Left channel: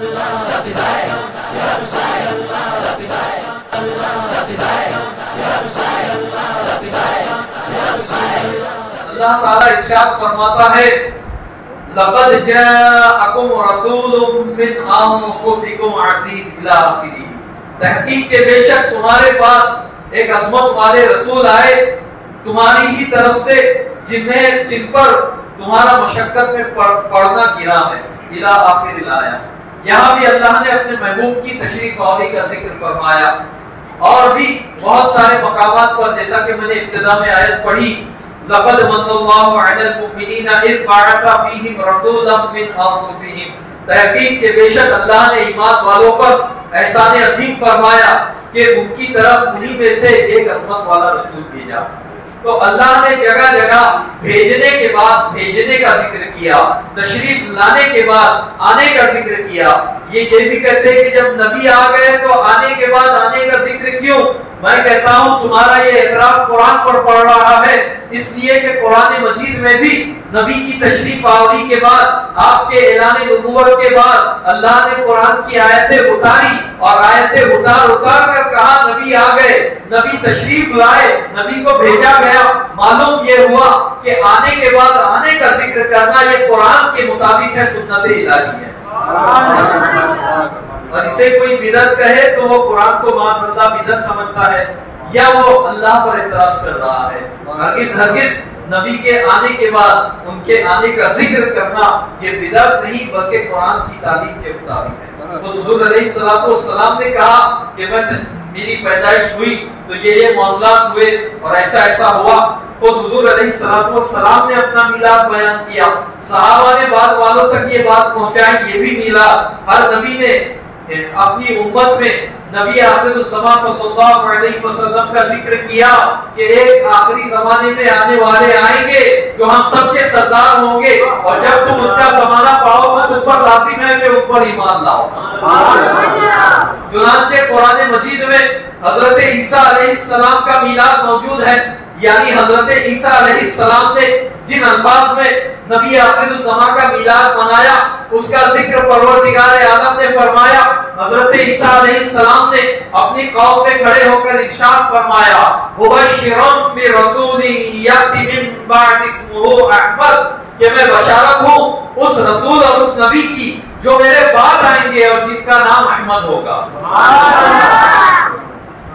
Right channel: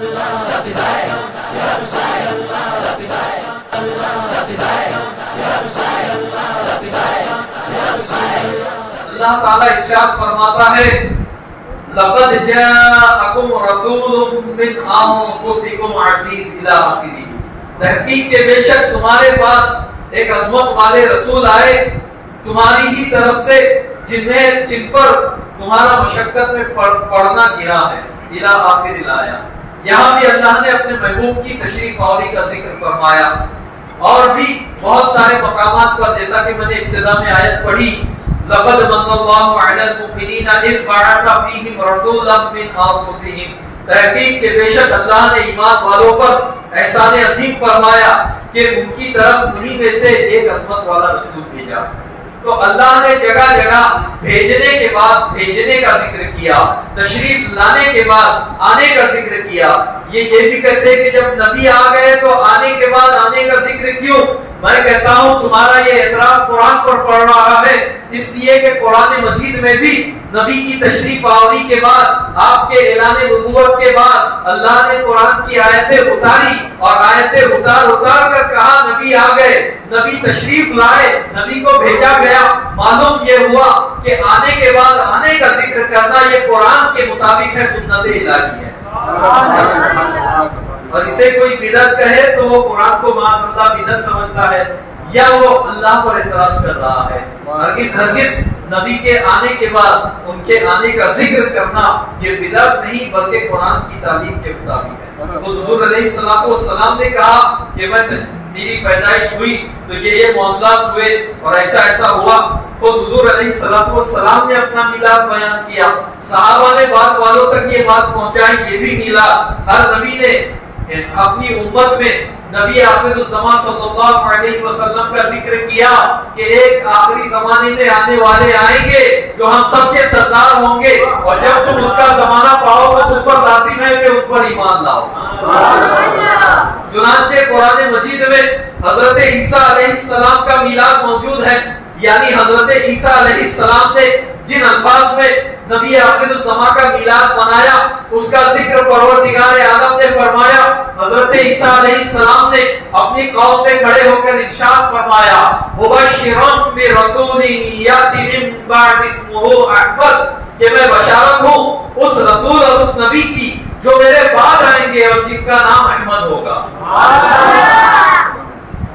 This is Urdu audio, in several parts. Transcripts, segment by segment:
اللہ تعالیٰ ارشاد فرماتا ہے لقد جاءکم رسول من انفسکم عزیز الی آخرہ، تحقیق کے بے شک تمہارے پاس ایک عظمت والے رسول آئے تمہاری ہی طرف سے جن پر تمہارا مشقت میں پڑنا گرا ہے، الی آخر الآیہ۔ یہاں بھی اللہ نے اپنے محبوب کی تشریف آوری کا ذکر فرمایا، اور بھی بہت سارے مقامات پر جیسا کہ میں نے ابتدا میں آیت پڑھی لقد من اللہ علی المؤمنین اذ بعث فیہم رسولا من انفسہم، تحقیق کہ بے شک اللہ نے ایمان والوں پر احسان عظیم فرمایا کہ ان کی طرف انہی میں سے ایک عظمت والا رسول بھیجا۔ تو اللہ نے جگہ جگہ بھیجنے کے بعد بھیجنے کا ذکر کیا، تشریف لانے کے بعد آنے کا ذکر کیا۔ یہ بھی کہتے ہیں کہ جب نبی آ گئے تو آنے کے بعد آنے کا ذکر کیوں؟ میں کہتا ہوں تمہارا یہ اعتراض قرآن پر پڑ رہا ہے، اس لیے کہ قرآن مجید میں بھی نبی کی تشریف آوری کے بعد، آپ کے اعلان نبوت کے بعد اللہ نے قرآن کی آیتیں اتاری، اور آیتیں اتار کر کہا نبی آ گئے، نبی تشریف لائے، نبی کو بھیجا گیا۔ معلوم یہ ہوا کہ آنے کے بعد آنے کا ذکر کرنا یہ قرآن کے مطابق ہے، سنت الہی ہے۔ اور اسے کوئی بدعت کہے تو وہ قرآن کو معاذ اللہ بدعت سمجھتا ہے، یا وہ اللہ پر اعتراض کر رہا ہے۔ ہرگز نبی کے آنے کے بعد ان کے آنے کا ذکر کرنا یہ بدعت نہیں بلکہ قرآن کی تعلیم کے مطابق ہے۔ حضور علیہ السلام نے کہا کہ میری پیدائش ہوئی تو یہ معاملات ہوئے اور ایسا ہوا، تو حضور علیہ السلام نے اپنا میلاد بیان کیا، صحابہ نے بعد والوں تک یہ بات پہنچائی، یہ بھی میلاد۔ ہر نبی نے اپنی امت میں نبی آخر الزمان صلی اللہ علیہ وسلم کا ذکر کیا کہ ایک آخری زمانے میں آنے والے آئیں گے جو ہم سب کے سردار ہوں گے، اور جب تم ان کا زمانہ پاؤ گے تم پر لازم ہے کہ ان پر ایمان لاؤ۔ چنانچہ قرآن مجید میں حضرت عیسیٰ علیہ السلام کا میلاد موجود ہے، یعنی حضرت عیسیٰ علیہ السلام نے جن الفاظ میں نبی آخر الزمان کا میلاد منایا اس کا ذکر پروردگار عالم نے فرمایا۔ حضرت عیسیٰ علیہ السلام نے اپنی قوم میں کھڑے ہو کر ارشاد فرمایا مبشرا برسول یأتی من بعد اسمہ احمد، کہ میں بشارت ہوں اس رسول اور اس نبی کی جو میرے بعد آئیں گے اور جن کا نام احمد ہوگا۔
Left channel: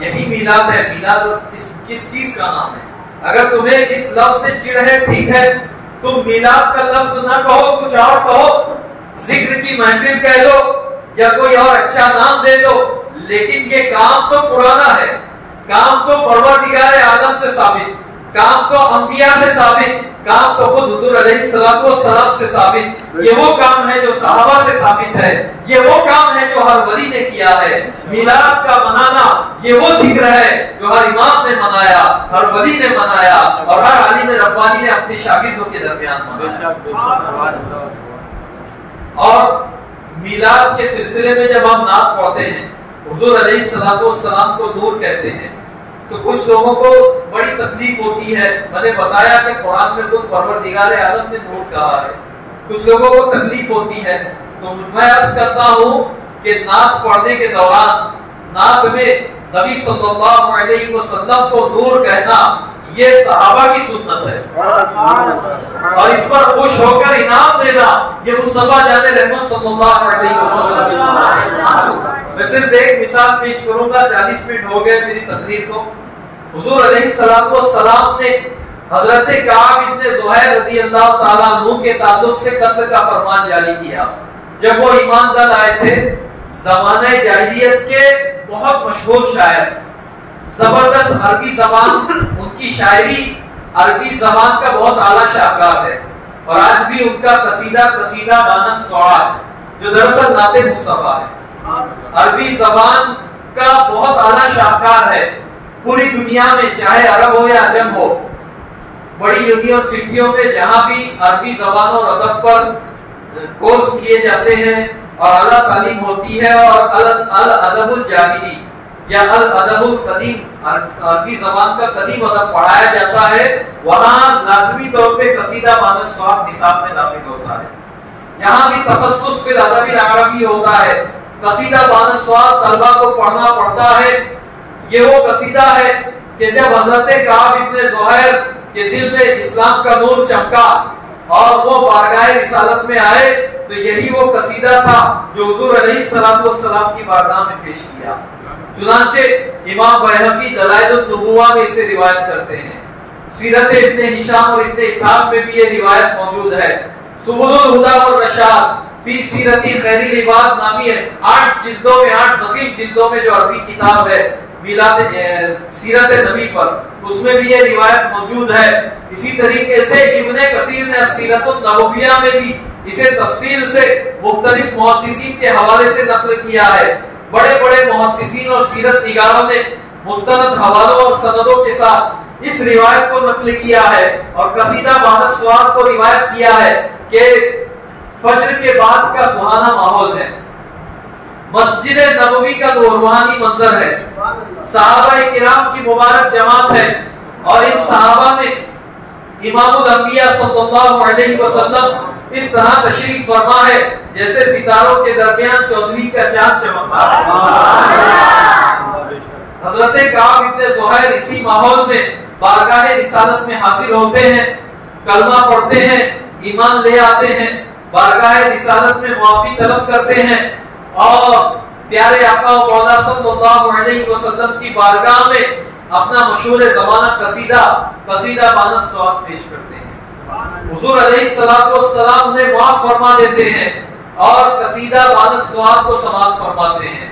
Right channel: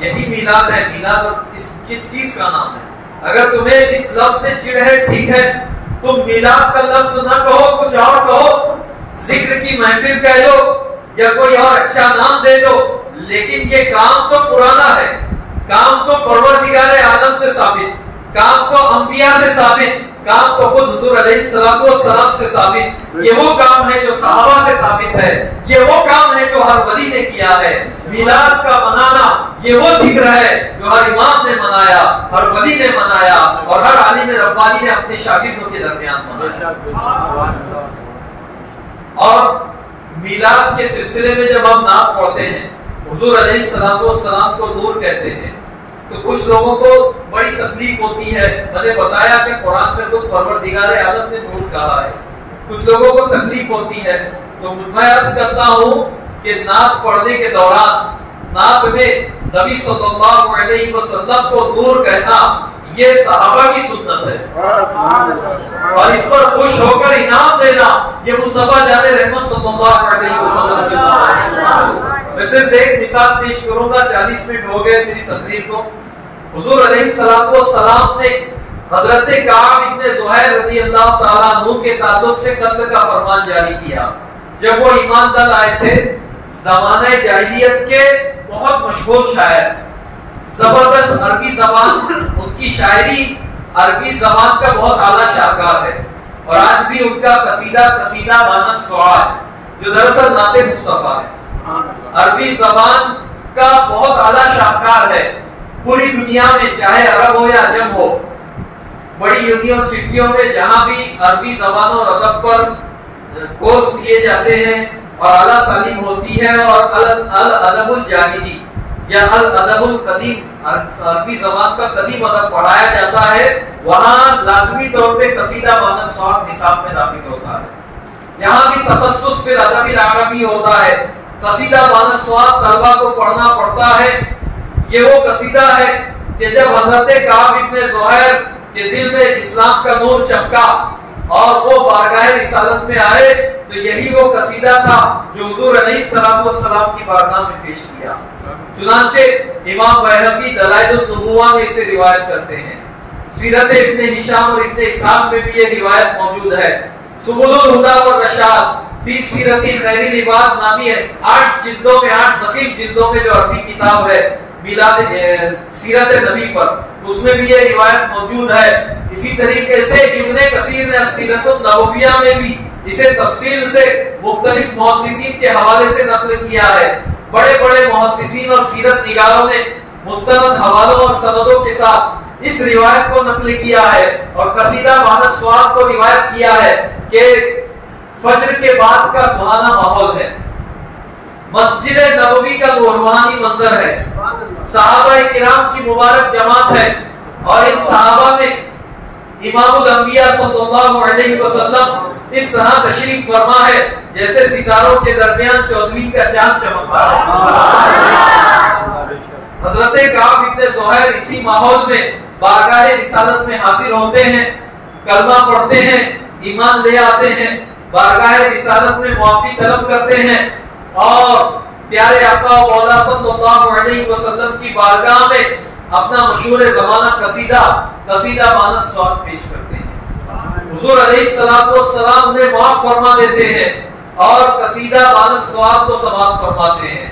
یہی میلاد ہے۔ میلاد کس چیز کا نام ہے؟ اگر تمہیں اس لفظ سے چڑ ہے ٹھیک ہے، تم میلاد کا لفظ نہ کہو، کچھ اور کہو، ذکر کی محفل کہہ لو یا کوئی اور اچھا نام دے دو، لیکن یہ کام تو پرانا ہے، کام تو پروردگار عالم سے ثابت، کام تو انبیاء سے ثابت، کام تو خود حضور علیہ السلام سے ثابت، یہ وہ کام ہے جو صحابہ سے ثابت ہے، یہ وہ کام ہے جو ہر ولی نے کیا ہے۔ میلاد کا منانا یہ وہ ذکر ہے جو ہر امام نے منایا، ہر ولی نے منایا، اور ہر عالم ربانی نے اپنے شاگردوں کے درمیان منایا۔ اور میلاد کے سلسلے میں جب ہم نعت پڑھتے ہیں، حضور علیہ السلام کو نور کہتے ہیں، تو کچھ لوگوں کو بڑی تکلیف ہوتی ہے۔ میں نے بتایا کہ قرآن میں خود پروردگار عالم نے نور کہا ہے، کچھ لوگوں کو تکلیف ہوتی ہے، تو میں عرض کرتا ہوں کہ نعت پڑھنے کے دوران نعت میں نبی صلی اللہ علیہ وسلم کو نور کہنا یہ صحابہ کی سنت ہے، اور اس پر خوش ہو کر انعام دینا یہ مصطفیٰ جان رحمت صلی اللہ علیہ وسلم کی سنت ہے۔ میں صرف ایک مثال پیش کروں گا، 40 منٹ ہو گئے میری تقریر کو۔ حضور علیہ السلام نے حضرت کعب ابن زہیر رضی اللہ تعالیٰ عنہ کے تعلق سے قتل کا فرمان جاری کیا۔ جب وہ ایمان دل آئے تھے، زمانہ جاہلیت کے بہت مشہور شاعر، زبردست عربی زبان، ان کی شاعری عربی زبان کا بہت اعلیٰ شاہکار ہے، اور آج بھی ان کا قصیدہ مانند سعاد جو دراصل نعت مصطفیٰ ہے، عربی زبان کا بہت اعلیٰ شاہکار ہے۔ پوری دنیا میں چاہے عرب ہو یا عجم ہو، بڑی یونیورسٹیوں میں جہاں بھی عربی زبان اور ادب پر کورس کیے جاتے ہیں اور اعلیٰ تعلیم ہوتی ہے، اور الادب الجاہلی یا الادب القدیم، عربی زبان کا قدیم ادب پڑھایا جاتا ہے، وہاں لازمی طور پہ قصیدہ مانند سعاد نصاب میں داخل ہوتا ہے۔ جہاں بھی تخصص فی الادب العربی ہوتا ہے، قصیدہ بان السواد طلبہ کو پڑھنا پڑتا ہے۔ یہ وہ قصیدہ ہے کہ جب حضرت کعب ابن زہیر کے دل میں اسلام کا نور چمکا اور وہ بارگاہ رسالت میں آئے تو یہی وہ قصیدہ تھا جو حضور علیہ الصلوۃ والسلام کی بارگاہ میں پیش کیا۔ چنانچہ امام بہقی دلائل النبوہ میں اسے روایت کرتے ہیں، سیرت ابن ہشام اور ابن اسحاق میں بھی یہ روایت موجود ہے۔ سبل الہدی والرشاد فی سیرت خیر العباد نامی ہے 8 جلدوں میں، 8 ضخیم جلدوں میں جو عربی کتاب ہے میلاد سیرت نبی پر، اس میں بھی یہ روایت موجود ہے۔ اسی طریقے سے ابن کثیر نے سیرت النبویہ میں بھی اسے تفصیل سے مختلف محدثین کے حوالے سے نقل کیا ہے۔ بڑے بڑے محدثین اور سیرت نگاروں نے مستند حوالوں اور سندوں کے ساتھ اس روایت کو نقل کیا ہے اور قصیدہ بان السواد کو روایت کیا ہے کہ فجر کے بعد کا سہانا ماحول ہے، مسجد نبوی کا روحانی منظر ہے، صحابہ کرام کی مبارک جماعت ہے اور ان صحابہ میں امام الانبیاء صلی اللہ علیہ وسلم اس طرح تشریف فرما ہے جیسے ستاروں کے درمیان چودھویں کا چاند چمکتا ہے۔ حضرت کعب ابن زہیر اسی ماحول میں بارگاہ رسالت میں حاضر ہوتے ہیں، کلمہ پڑھتے ہیں، ایمان لے آتے ہیں، بارگاہ رسالت میں معافی طلب کرتے ہیں اور پیارے آقا و مولا صلی اللہ علیہ وسلم کی بارگاہ میں اپنا مشہور زمانہ قصیدہ بان السواد پیش کرتے ہیں۔ حضور علیہ الصلوۃ والسلام انہیں معاف فرما دیتے ہیں اور قصیدہ بان السواد کو سماعت فرماتے ہیں۔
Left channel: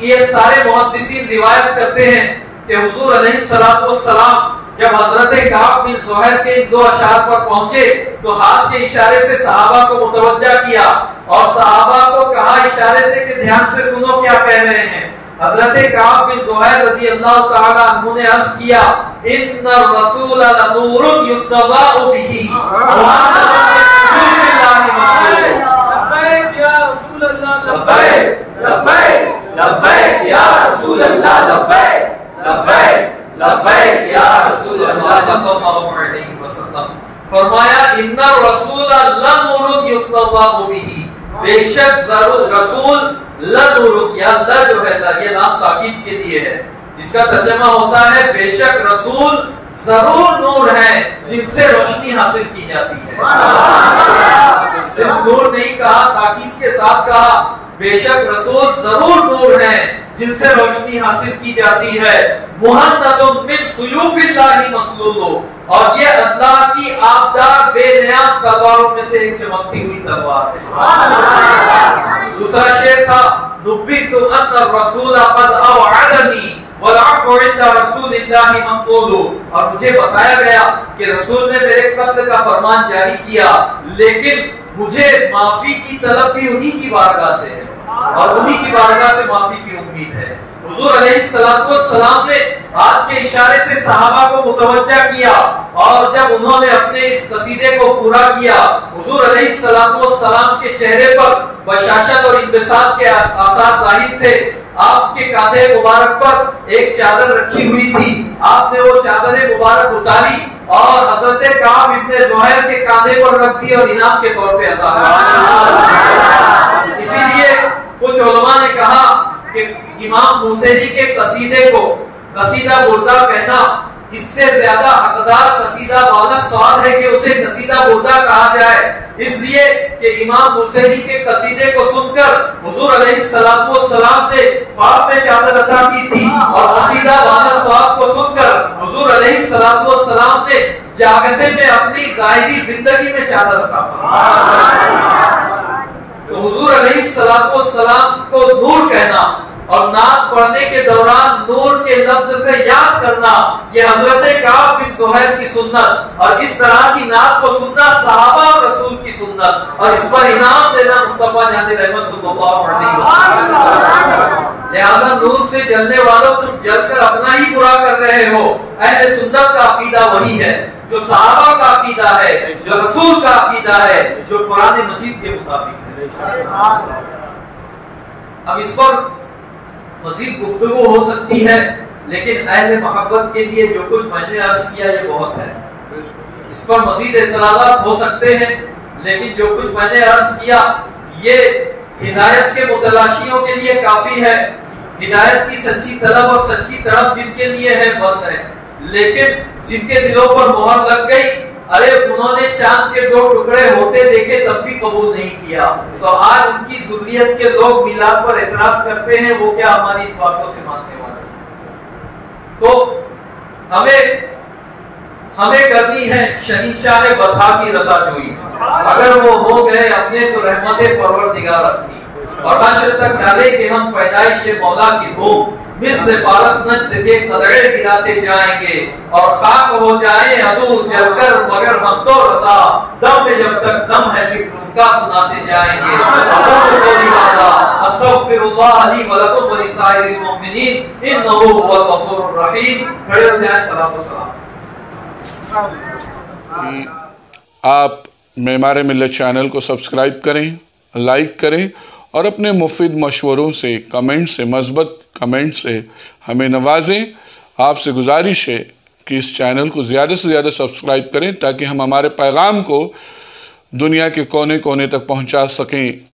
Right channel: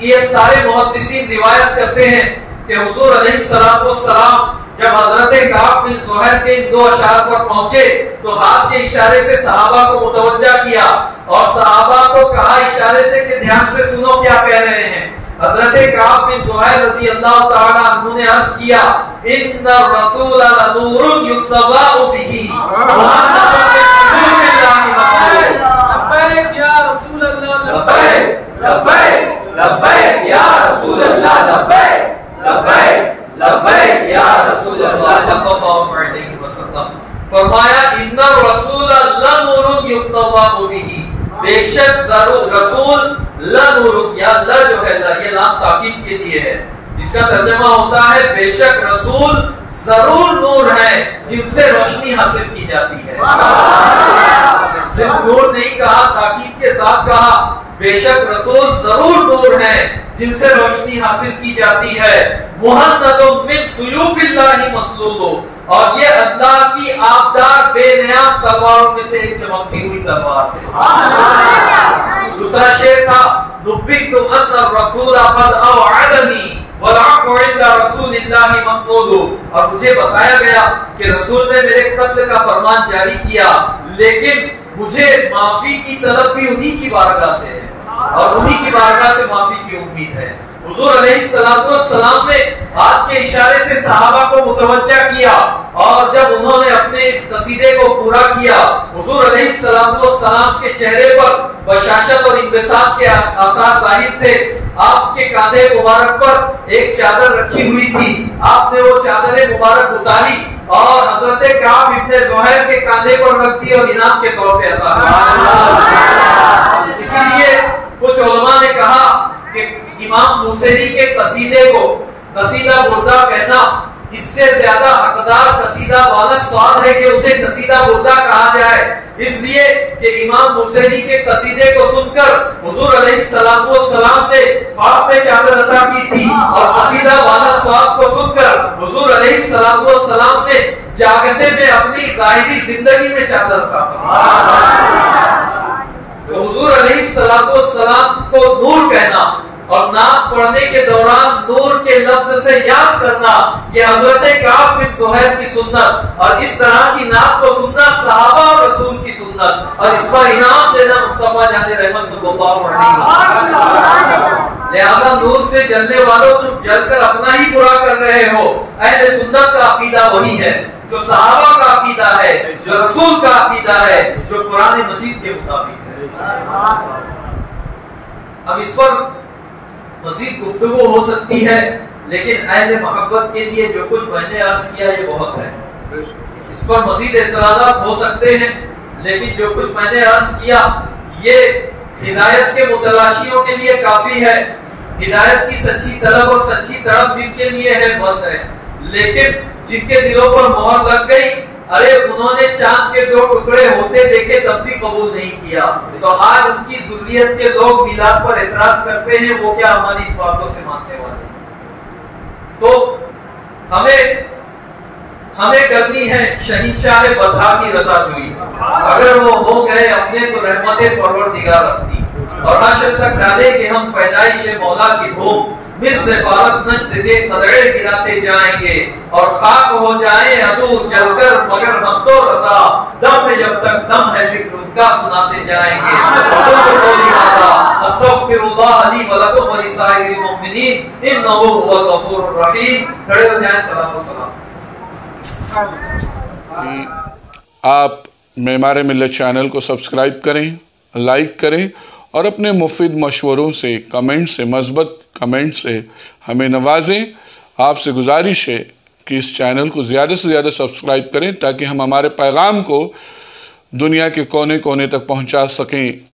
یہ سارے محدثین روایت کرتے ہیں کہ حضور علیہ الصلوۃ والسلام جب حضرت کعب بن زہیر کے ان 2 اشعار پر پہنچے تو ہاتھ کے اشارے سے صحابہ کو متوجہ کیا اور صحابہ کو کہا اشارے سے کہ دھیان سے سنو کیا کہہ رہے ہیں۔ حضرت کعب بن زہیر رضی اللہ تعالی عنہ نے عرض کیا ان الرسول لنور یستضاء به لبیک یا رسول اللہ لبیک لبیک لبیک یا رسول اللہ لبیک لبیک لبیک یا رسول اللہ صلی اللہ علیہ وسلم۔ فرمایا ان الرسول لنور یستضاء به، بے شک ضرور رسول لنور، یا ل جو ہے یہ لام تاکید کے لیے ہے، جس کا ترجمہ ہوتا ہے بے شک رسول ضرور نور ہے جن سے روشنی حاصل کی جاتی ہے۔ صرف نور نہیں کہا، تاکید کے ساتھ کہا بے شک رسول ضرور نور ہے جن سے روشنی حاصل کی جاتی ہے۔ مہند من سیوف اللہ مسلول، اور یہ اللہ کی آبدار بے نیام تلواروں میں سے ایک چمکتی ہوئی تلوار ہے۔ دوسرا شعر تھا نبئت ان الرسول قد اوعدنی والعفو عند رسول اللہ مقبول، اور مجھے بتایا گیا کہ رسول نے میرے قتل کا فرمان جاری کیا لیکن مجھے معافی کی طلب بھی انہی کی بارگاہ سے ہے اور انہی کی بارگاہ سے معافی کی امید ہے۔ حضور علیہ الصلوۃ والسلام نے ہاتھ کے اشارے سے صحابہ کو متوجہ کیا اور جب انہوں نے اپنے اس قصیدے کو پورا کیا حضور علیہ الصلوۃ والسلام کے چہرے پر بشاشت اور انبساط کے آثار ظاہر تھے۔ آپ کے کاندھے مبارک پر ایک چادر رکھی ہوئی تھی، آپ نے وہ چادر مبارک اتاری اور حضرت کعب ابن زہیر کے کاندھے پر رکھ دی اور انعام کے طور پہ عطا کی۔ اسی لیے کچھ علماء نے کہا کہ امام موسیری کے قصیدے کو قصیدہ بردہ کہنا اس سے زیادہ حقدار قصیدہ بان السواد ہے کہ اسے قصیدہ بردہ کہا جائے، اس لیے کہ امام موسیری کے قصیدے کو سن کر حضور علیہ الصلوۃ والسلام نے خواب میں چادر عطا کی تھی اور قصیدہ بان السواد کو سن کر حضور علیہ الصلوۃ والسلام نے جاگتے میں اپنی ظاہری زندگی میں چادر عطا فرمائی۔ تو حضور علیہ الصلوۃ والسلام کو نور کہنا اور نعت پڑھنے کے دوران نور کے لفظ سے یاد کرنا یہ حضرت کعب بن زہیر کی سنت، اور اس طرح کی نعت کو سننا صحابہ اور رسول کی سنت، اور اس پر انعام دینا مصطفیٰ جان رحمت صلی اللہ علیہ وسلم۔ لہذا نور سے جلنے والوں تم جل کر اپنا ہی برا کر رہے ہو۔ اہل سنت کا عقیدہ وہی ہے جو صحابہ کا عقیدہ ہے، جو رسول کا عقیدہ ہے، جو قرآن مجید کے مطابق ہے۔ اب اس پر مزید گفتگو ہو سکتی ہے لیکن اہل محبت کے لیے جو کچھ میں نے عرض کیا یہ بہت ہے۔ اس پر مزید اعتراضات ہو سکتے ہیں لیکن جو کچھ میں نے عرض کیا یہ ہدایت کے متلاشیوں کے لیے کافی ہے، ہدایت کی سچی طلب اور سچی طلب جن کے لیے ہے بس ہے، لیکن جن کے دلوں پر مہر لگ گئی، ارے انہوں نے چاند کے 2 ٹکڑے ہوتے دیکھے تب بھی قبول نہیں کیا، تو آج ان کی ذریت کے لوگ میلاد پر اعتراض کرتے ہیں، وہ کیا ہماری باتوں سے ماننے والے؟ تو ہمیں کرنی ہے شہنشاہ بطحا کی رضا جوئی، اگر وہ ہو گئے اپنے تو رحمت پروردگار اپنی، اور حشر تک ڈالے کہ ہم پیدائش مولا کی دھوم، مثل فارس نجد کے قدرے گراتے جائیں گے، اور خاک ہو جائیں عدو جل کر مگر ہم تو رضا، دم میں جب تک دم ہے ذکر ان کا سناتے جائیں گے۔ اقول قولی ھذا استغفر اللہ لی ولکم ولسائر المؤمنین انہ هو الغفور الرحیم۔ کھڑے ہو جائیں، صلاۃ و سلام۔ آپ معمار ملت چینل کو سبسکرائب کریں، لائک کریں اور اپنے مفید مشوروں سے، کمنٹ سے، مثبت کمنٹ سے ہمیں نوازیں۔ آپ سے گزارش ہے کہ اس چینل کو زیادہ سے زیادہ سبسکرائب کریں تاکہ ہم ہمارے پیغام کو دنیا کے کونے کونے تک پہنچا سکیں۔